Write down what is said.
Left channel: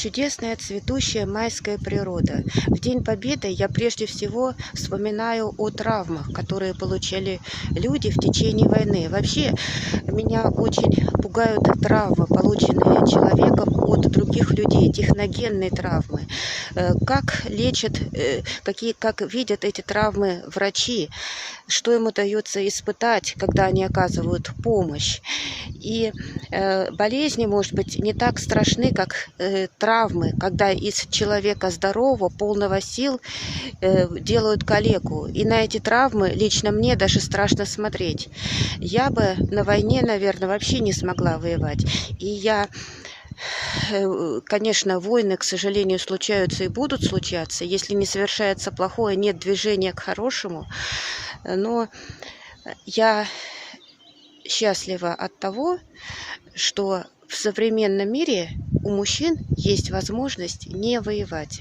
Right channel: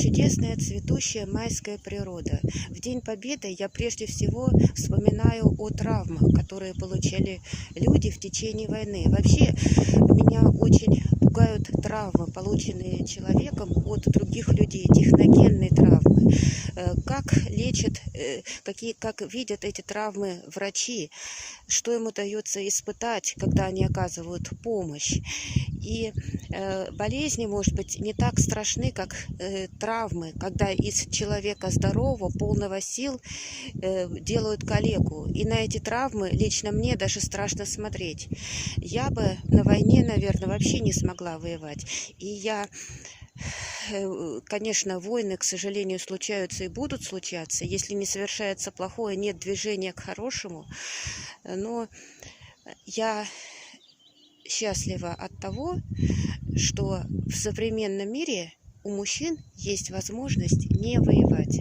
чудесная цветущая майская природа. В День Победы я прежде всего вспоминаю о травмах, которые получали люди в течение войны. Вообще, меня очень пугают травмы, полученные человеком от других людей, техногенные травмы. Как лечат, как видят эти травмы врачи, что им удается испытать, когда они оказывают помощь. И болезни, может быть, не так страшны, как травмы, когда из человека здорового, полного сил делают калеку. И на эти травмы лично мне даже страшно смотреть. Я бы на войне, наверное, вообще не смогла воевать. Конечно, войны, к сожалению, случаются и будут случаться. Если не совершается плохое, нет движения к хорошему. Но я счастлива от того, что в современном мире у мужчин есть возможность не воевать.